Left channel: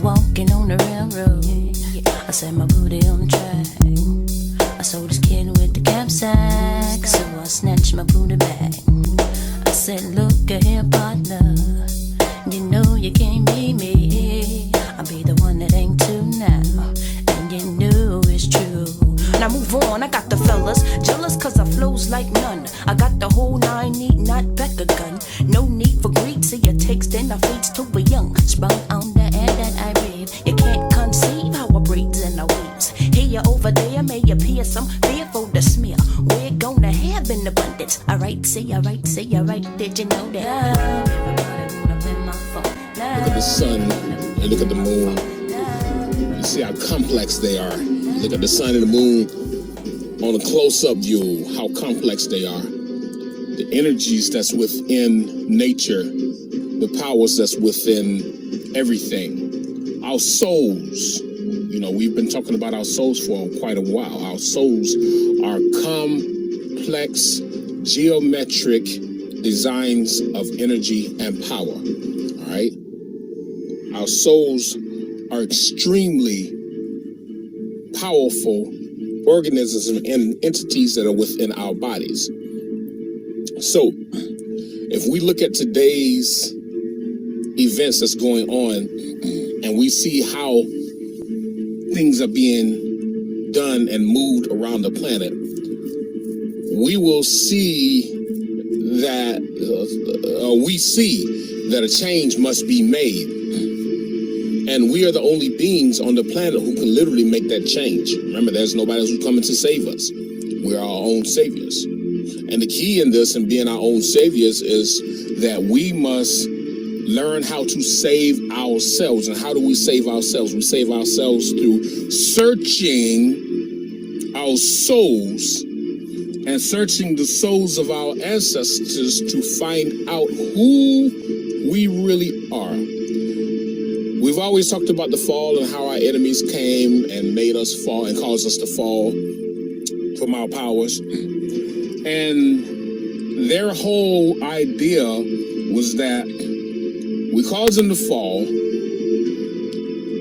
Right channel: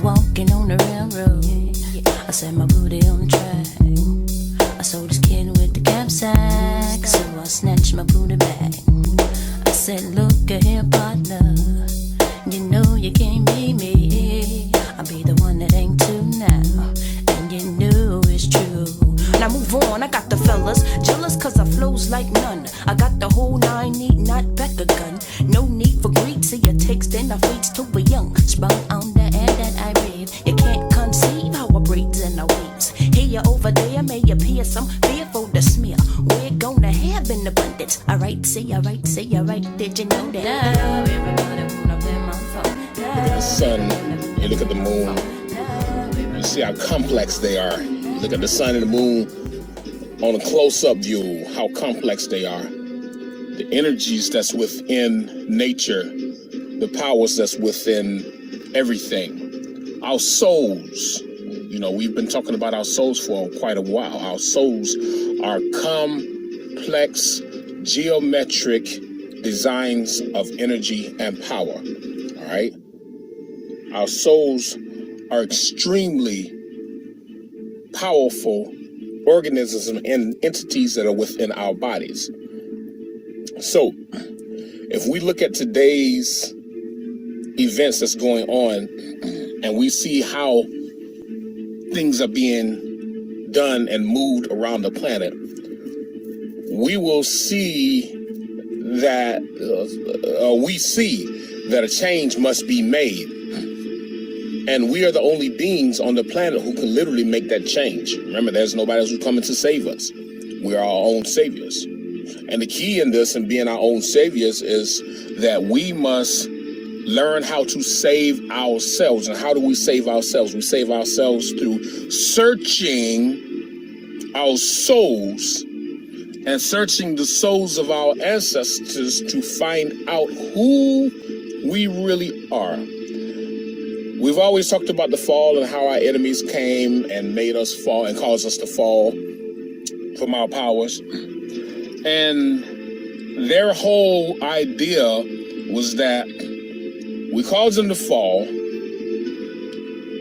Walking on the railroad, I set my booty on the track. I sold this kid with the knapsack, so I snatched my booty back. I said, look here, partner, you know you can't be me. I'll be the one that ain't too now, and you know it's true. Now move on, I got the fellas jealous cause I flows like none. I got the whole 9, need not back a gun. No need for greed, see it takes then I fades to a young. Sprung on the air that I breathe. You can't conceive how I breathe and I weaves. Here over there may appear some fearful to smear. We're gonna have in abundance. Alright, say alright, say alright, did you know that? Look at the sun, you look at the moon, you see how complex they are. You look at the sun and the moon on a close-up view, how complex they are. The energies that's within nature, the powers that's within everything. Our souls, you know, we've been talking about our souls for quite a while. Our souls are complex, geometric designs of energy and power, all right? Our souls are extremely powerful organisms and entities that are within our bodies. So, if we look at today's events that's going on, and we see how things are being done and moved around the planet, we will see that, a change must be made. And we are the only beings on the planet who can literally make that change. Remember, there's nobody else who's coming to save us. We're our own saviors. And the key in this and being our own saviors is that we must learn how to save ourselves. And how do we save ourselves? We save ourselves through searching our souls and searching the souls of our ancestors to find out who we really are. We've always talked about the fall and how our enemies came and made us fall and caused us to fall from our powers. And their whole idea was that we caused them to fall,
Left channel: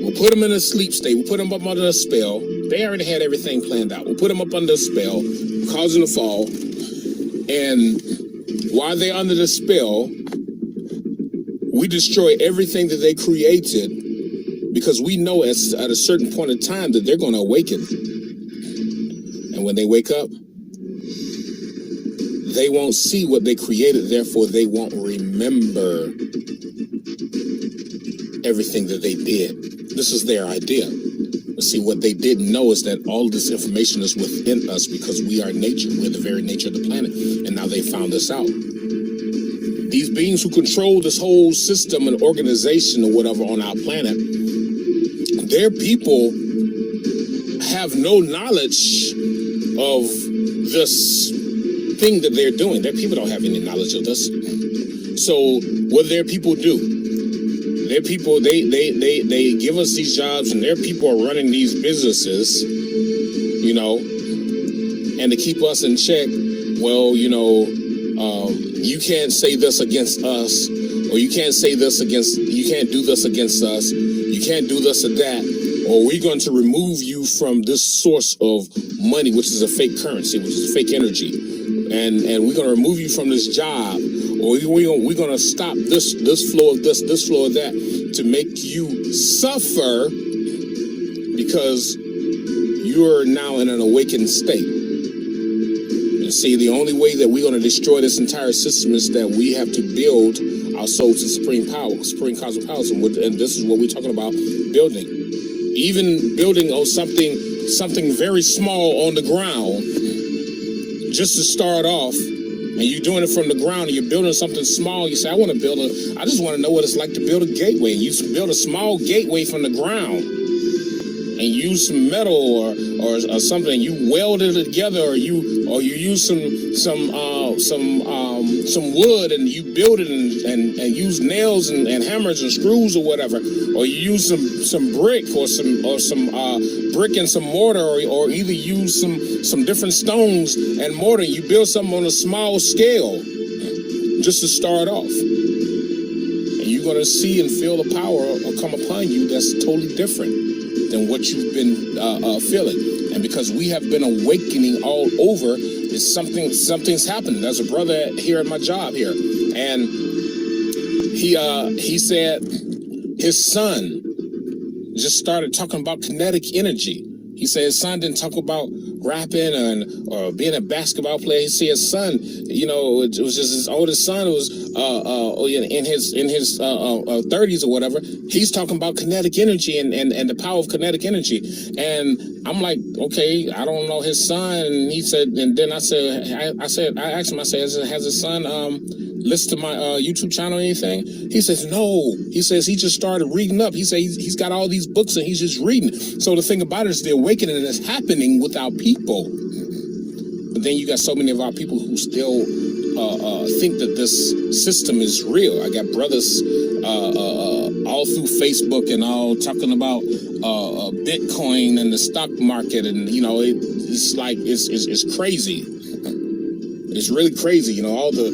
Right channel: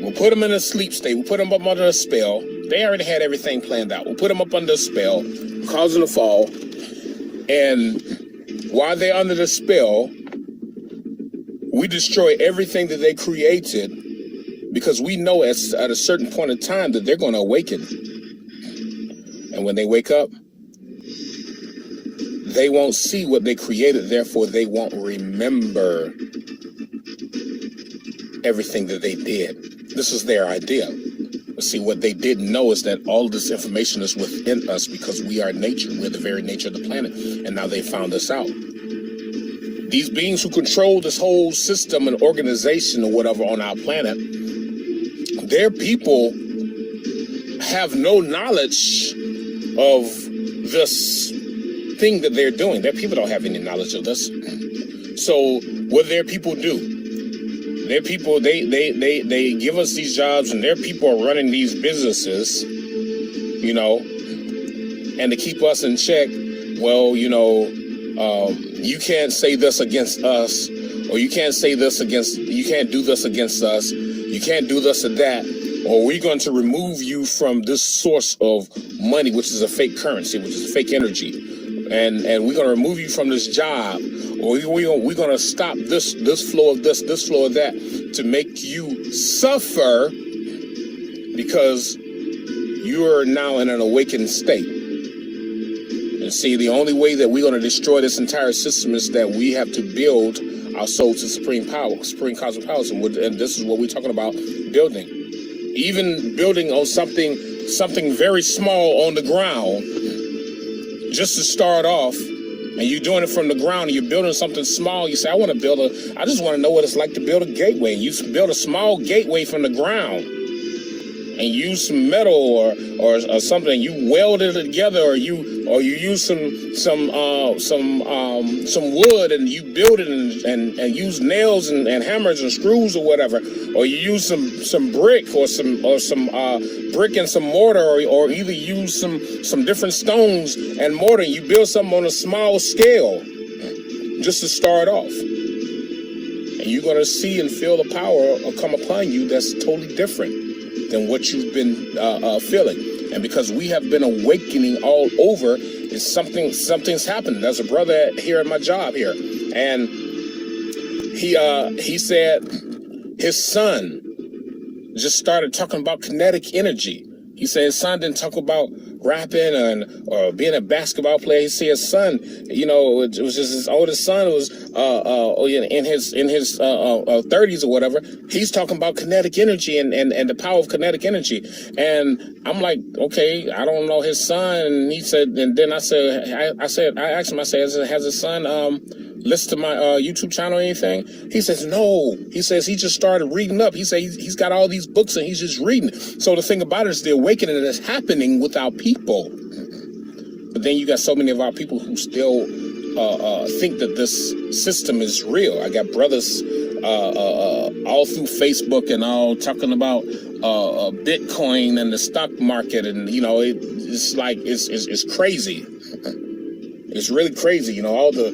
we'll put them in a sleep state, we'll put them up under a spell. They already had everything planned out. We'll put them up under a spell, cause them to fall, and while they're under the spell, we destroy everything that they created, because we know at a certain point in time that they're going to awaken. And when they wake up, they won't see what they created, therefore they won't remember everything that they did. This is their idea. But see, what they didn't know is that all this information is within us because we are nature. We're the very nature of the planet. And now they found us out. These beings who control this whole system and organization or whatever on our planet, their people have no knowledge of this thing that they're doing. Their people don't have any knowledge of this. So what do their people do? Their people, they give us these jobs, and their people are running these businesses, you know, and to keep us in check, well, you know, you can't say this against us, or you can't say this against, you can't do this against us, you can't do this or that, or we're going to remove you from this source of money, which is a fake currency, which is fake energy, and we're going to remove you from this job, or we're going to stop this flow of this flow of that, to make you suffer because you're now in an awakened state. And see, the only way that we're going to destroy this entire system is that we have to build our souls to supreme power, supreme cosmic powers, and this is what we're talking about, building. Even building on something very small on the ground, just to start off, and you're doing it from the ground, and you're building something small. You say, I just want to know what it's like to build a gateway. And you build a small gateway from the ground, and use some metal or something. You weld it together, or you use some wood, and you build it and use nails and hammers and screws or whatever. Or you use some brick or some brick and some mortar, or either use some different stones and mortar. You build something on a small scale just to start off. And you're going to see and feel the power come upon you that's totally different than what you've been feeling. And because we have been awakening all over, something's happened. There's a brother here at my job here, and he said his son just started talking about kinetic energy. He said his son didn't talk about rapping or being a basketball player. He said his son, it was just his oldest son was in his 30s or whatever. He's talking about kinetic energy and the power of kinetic energy. And I'm like, okay, I don't know his son. And he said, and then I asked him, I said, has his son listen to my YouTube channel or anything? He says, no. He says he just started reading up. He says he's got all these books and he's just reading. So the thing about it is the awakening that's happening with our people. But then you got so many of our people who still think that this system is real. I got brothers all through Facebook and all talking about Bitcoin and the stock market, and it's like it's crazy. It's really crazy, all the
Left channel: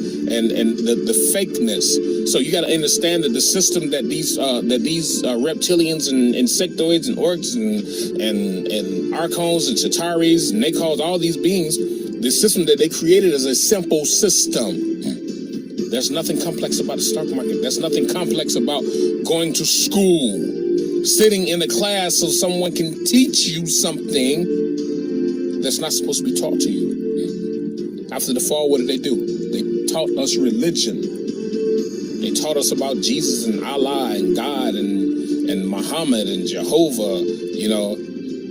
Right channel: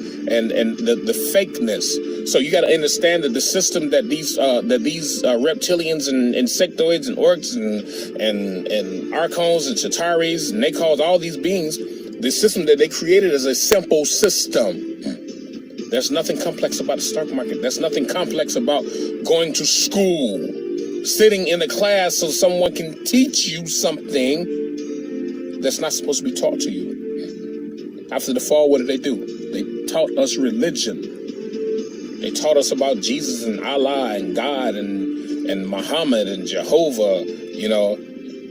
fakeness. So you got to understand that the system that these reptilians and insectoids and orcs and archons and chitaris, and they call all these beings, the system that they created is a simple system. There's nothing complex about the stock market. There's nothing complex about going to school, sitting in a class so someone can teach you something that's not supposed to be taught to you. After the fall, what did they do? They taught us religion. They taught us about Jesus and Allah and God and Muhammad and Jehovah.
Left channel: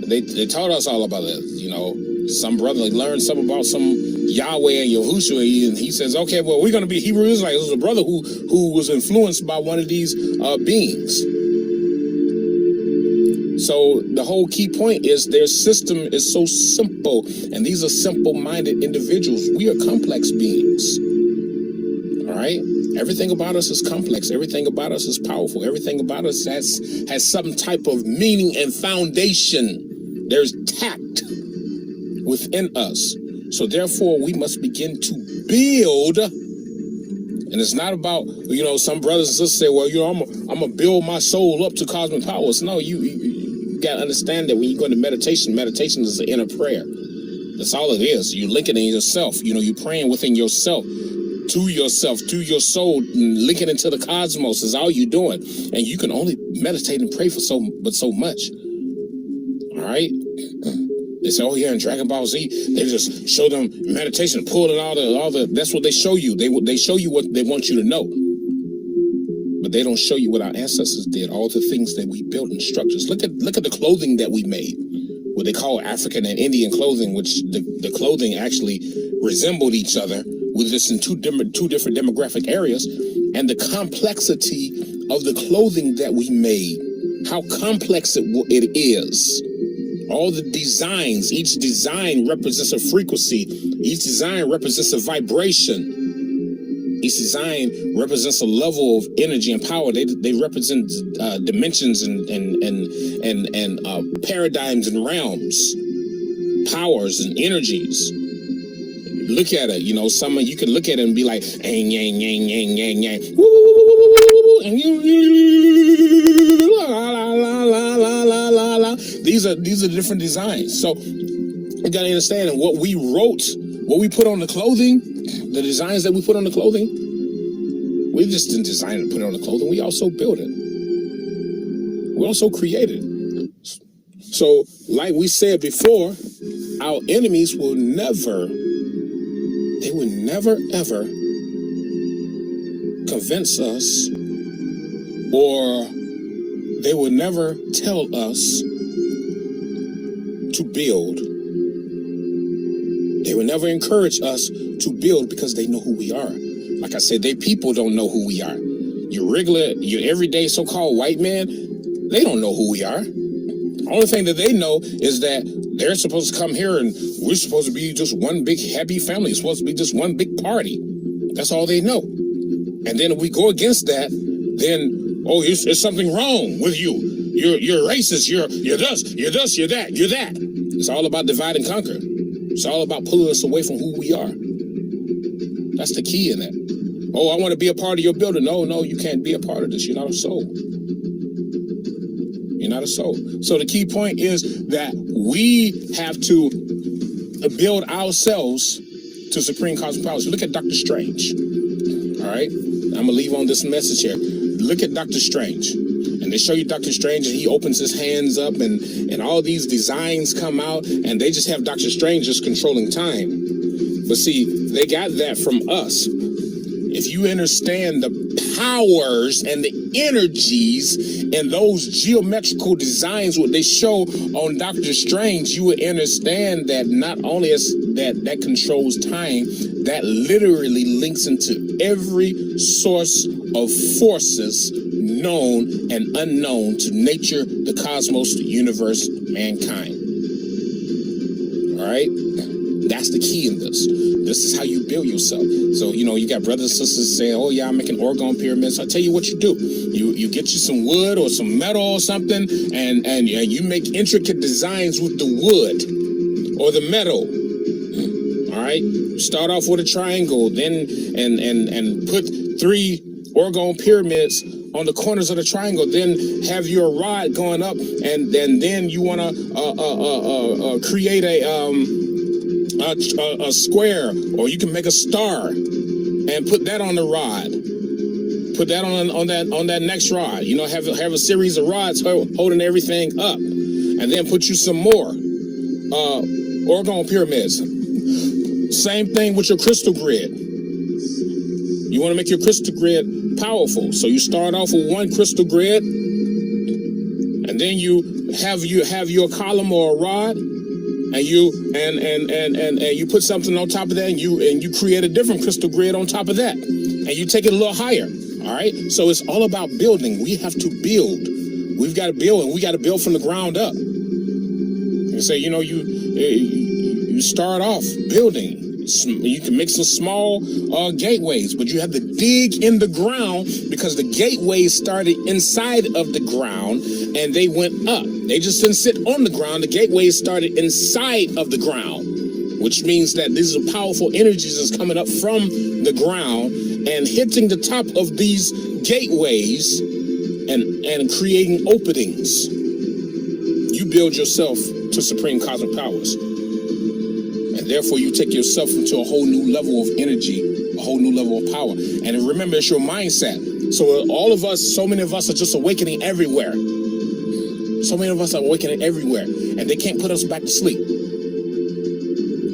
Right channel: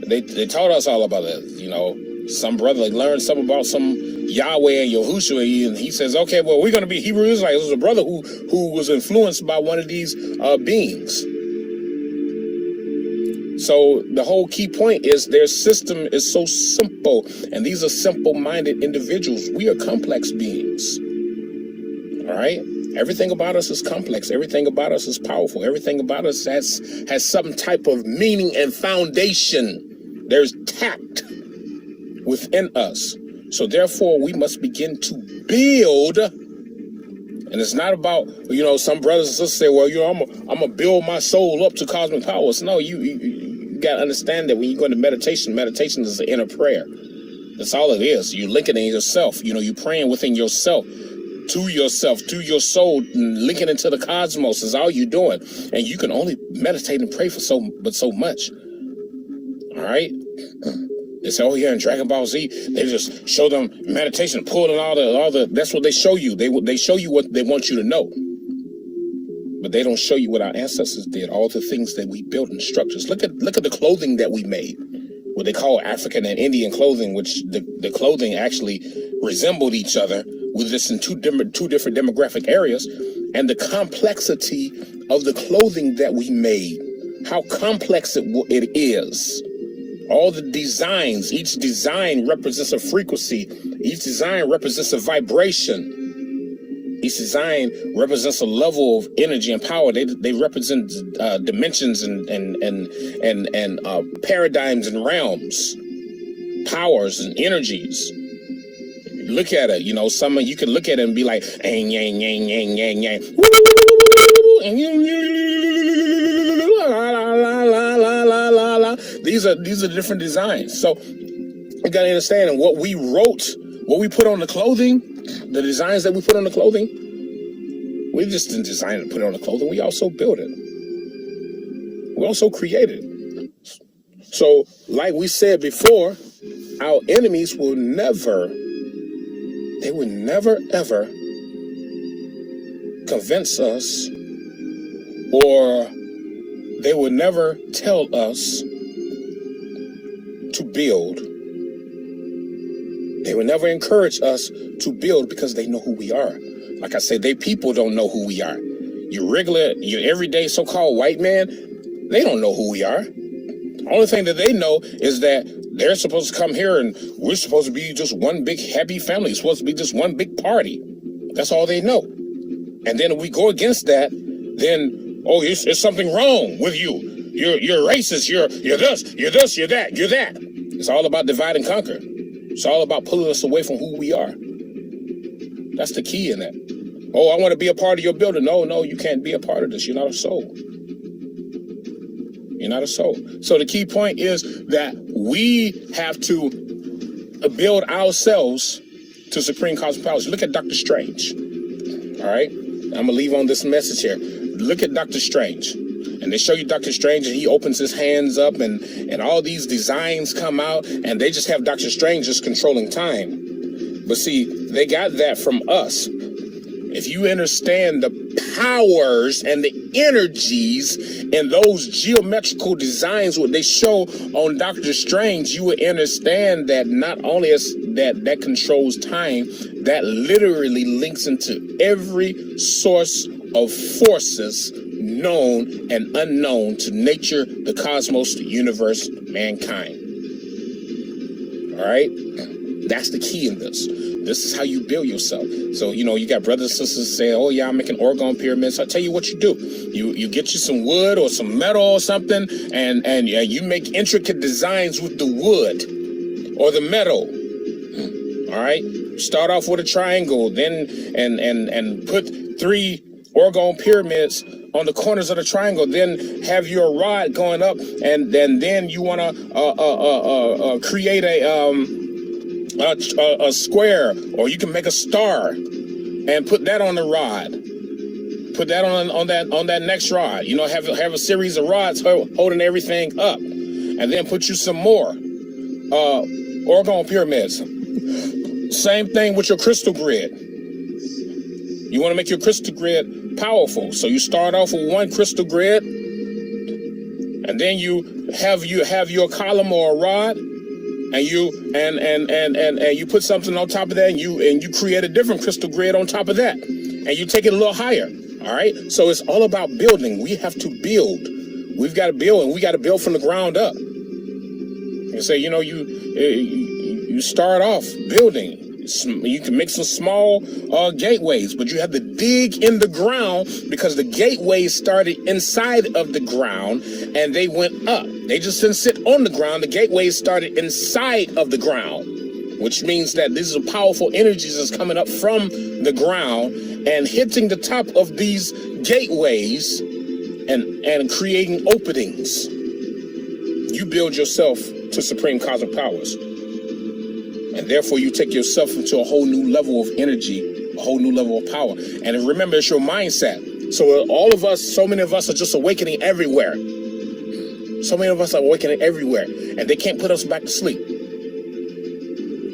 They taught us all about it. Some brother learned something about some Yahweh and Yahushua, and he says, okay, well, we're going to be Hebrew Israelites. It was a brother who was influenced by one of these beings. So the whole key point is their system is so simple, and these are simple-minded individuals. We are complex beings, all right? Everything about us is complex. Everything about us is powerful. Everything about us has some type of meaning and foundation. There's tact within us. So therefore, we must begin to build. And it's not about, some brothers and sisters say, well, I'm going to build my soul up to cosmic powers. No, you got to understand that when you go into meditation is an inner prayer. That's all it is. You're linking in yourself. You're praying within yourself, to your soul, and linking into the cosmos is all you're doing. And you can only meditate and pray for so much. All right? They say, oh yeah, in Dragon Ball Z, they just show them meditation, pulling all the. That's what they show you. They show you what they want you to know, but they don't show you what our ancestors did. All the things that we built in structures. Look at the clothing that we made, what they call African and Indian clothing, which the clothing actually resembled each other with this in two different demographic areas, and the complexity of the clothing that we made, how complex it is. All the designs, each design represents a frequency. Each design represents a vibration. Each design represents a level of energy and power. They represent dimensions and paradigms and realms, powers and energies. Look at it, some you can look at it and be like, yang, yang, yang, yang, yang, yang, and These are different designs. So you gotta understand what we wrote, what we put on the clothing, the designs that we put on the clothing. We just didn't design it and put it on the clothing. We also built it. We also created it. So, like we said before, our enemies will never ever convince us, or they will never tell us to build. They will never encourage us to build because they know who we are. Like I said, they people don't know who we are. Your everyday so-called white man, they don't know who we are. The only thing that they know is that they're supposed to come here and we're supposed to be just one big happy family. It's supposed to be just one big party. That's all they know. And then if we go against that, then, oh, it's something wrong with you. You're racist. You're this, you're that, you're that. It's all about divide and conquer. It's all about pulling us away from who we are. That's the key in that. Oh, I want to be a part of your building. No, you can't be a part of this. You're not a soul. You're not a soul. So the key point is that we have to build ourselves to supreme cosmic powers. Look at Dr. Strange. All right? I'm going to leave on this message here. Look at Dr. Strange. And they show you Dr. Strange, and he opens his hands up, and all these designs come out, and they just have Dr. Strange just controlling time. But see, they got that from us. If you understand the powers and the energies and those geometrical designs, what they show on Doctor Strange, you would understand that not only is that controls time, that literally links into every source of forces known and unknown to nature, the cosmos, the universe, mankind. All right? That's the key in this. This is how you build yourself. So, you got brothers and sisters say, oh, yeah, I'm making orgone pyramids. I'll tell you what you do. You get you some wood or some metal or something, and you make intricate designs with the wood or the metal. All right? Start off with a triangle, then and put 3 orgone pyramids on the corners of the triangle, then have your rod going up, and then you want to create a square, or you can make a star and put that on the rod. Put that on that next rod. Have a series of rods holding everything up, and then put you some more orgone pyramids. Same thing with your crystal grid. You want to make your crystal grid powerful, so you start off with one crystal grid, and then you have your column or a rod, and you put something on top of that, and you create a different crystal grid on top of that, and you take it a little higher. All right, so it's all about building. We have to build. We've got to build, and we got to build from the ground up. And so you start off building. You can make some small gateways, but you have to dig in the ground, because the gateways started inside of the ground and they went up. They just didn't sit on the ground. The gateways started inside of the ground, which means that these are powerful energies that's coming up from the ground and hitting the top of these gateways and creating openings. You build yourself to supreme cosmic powers. And therefore, you take yourself into a whole new level of energy, a whole new level of power. And remember, it's your mindset. So all of us, so many of us are just awakening everywhere. So many of us are awakening everywhere. And they can't put us back to sleep.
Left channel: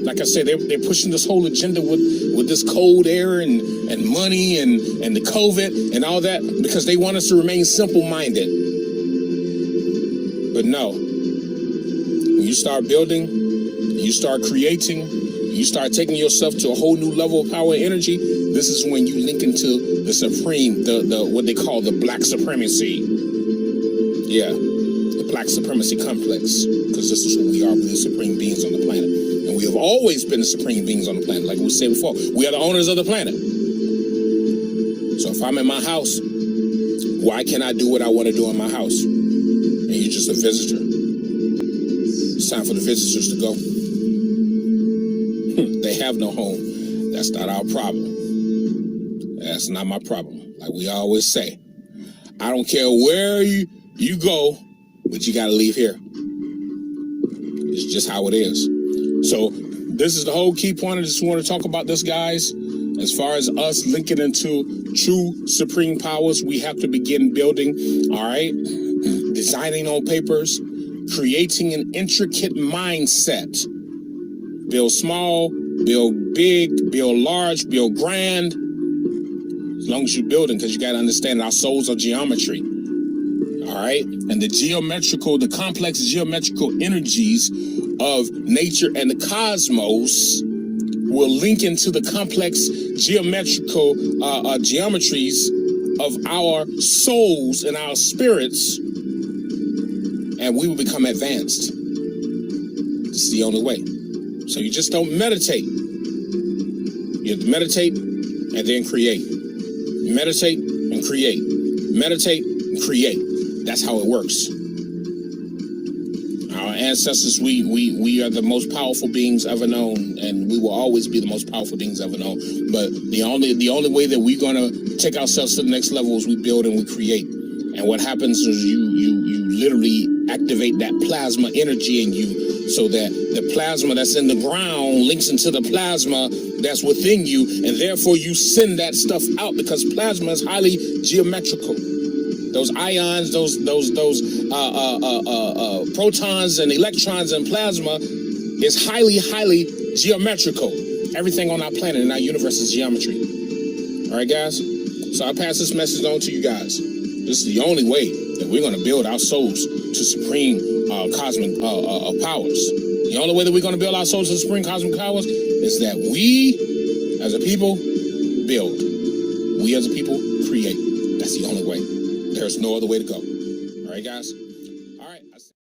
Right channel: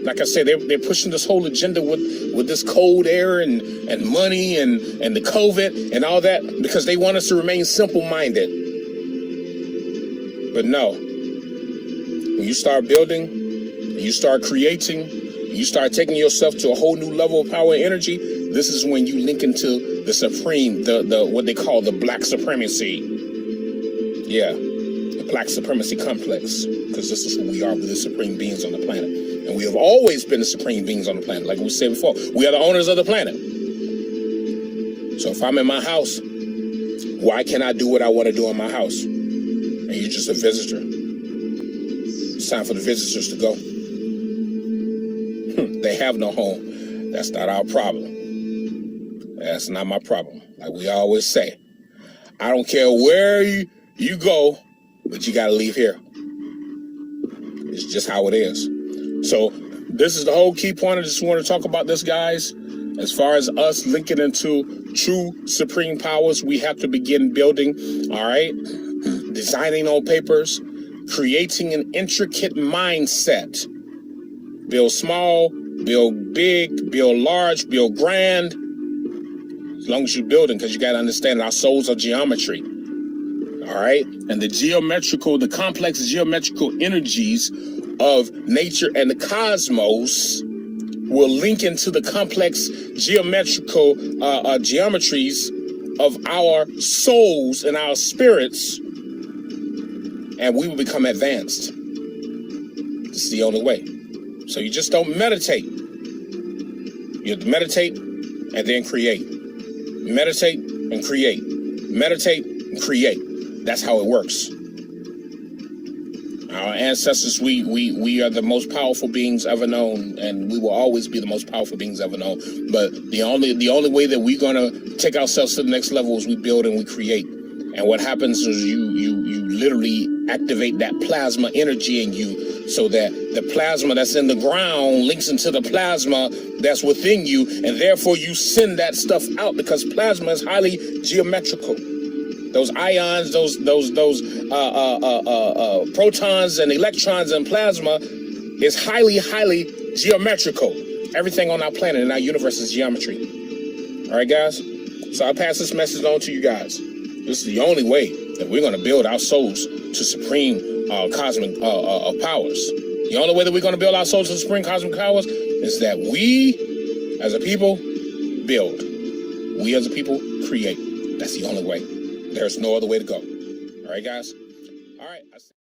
Like I said, they're pushing this whole agenda with this cold air and money and the COVID and all that, because they want us to remain simple-minded. But no. When you start building, you start creating, you start taking yourself to a whole new level of power and energy, this is when you link into the supreme, the what they call the black supremacy. Yeah, the black supremacy complex, because this is who we are. We're the supreme beings on the planet. And we have always been the supreme beings on the planet. Like we said before, we are the owners of the planet. So if I'm in my house, why can't I do what I want to do in my house? And you're just a visitor. It's time for the visitors to go. They have no home. That's not our problem. That's not my problem. Like we always say, I don't care where you go, but you got to leave here. It's just how it is. So this is the whole key point. I just want to talk about this, guys. As far as us linking into true supreme powers, we have to begin building, all right? Designing on papers, creating an intricate mindset. Build small, build big, build large, build grand. As long as you're building, because you got to understand our souls are geometry. All right? And the complex geometrical energies of nature and the cosmos will link into the complex geometrical geometries of our souls and our spirits, and we will become advanced. This is the only way. So you just don't meditate. You have to meditate and then create. Meditate and create. Meditate and create. That's how it works. Our ancestors, we are the most powerful beings ever known, and we will always be the most powerful beings ever known. But the only way that we're gonna take ourselves to the next level is we build and we create. And what happens is you literally activate that plasma energy in you, so that the plasma that's in the ground links into the plasma that's within you, and therefore you send that stuff out, because plasma is highly geometrical. Those ions, those protons and electrons in plasma is highly geometrical. Everything on our planet and our universe is geometry. All right, guys? So I pass this message on to you guys. This is the only way that we're going to build our souls to supreme cosmic powers. The only way that we're going to build our souls to supreme cosmic powers is that we, as a people, build. We, as a people, create. That's the only way. There's no other way to go. All right, guys? All right.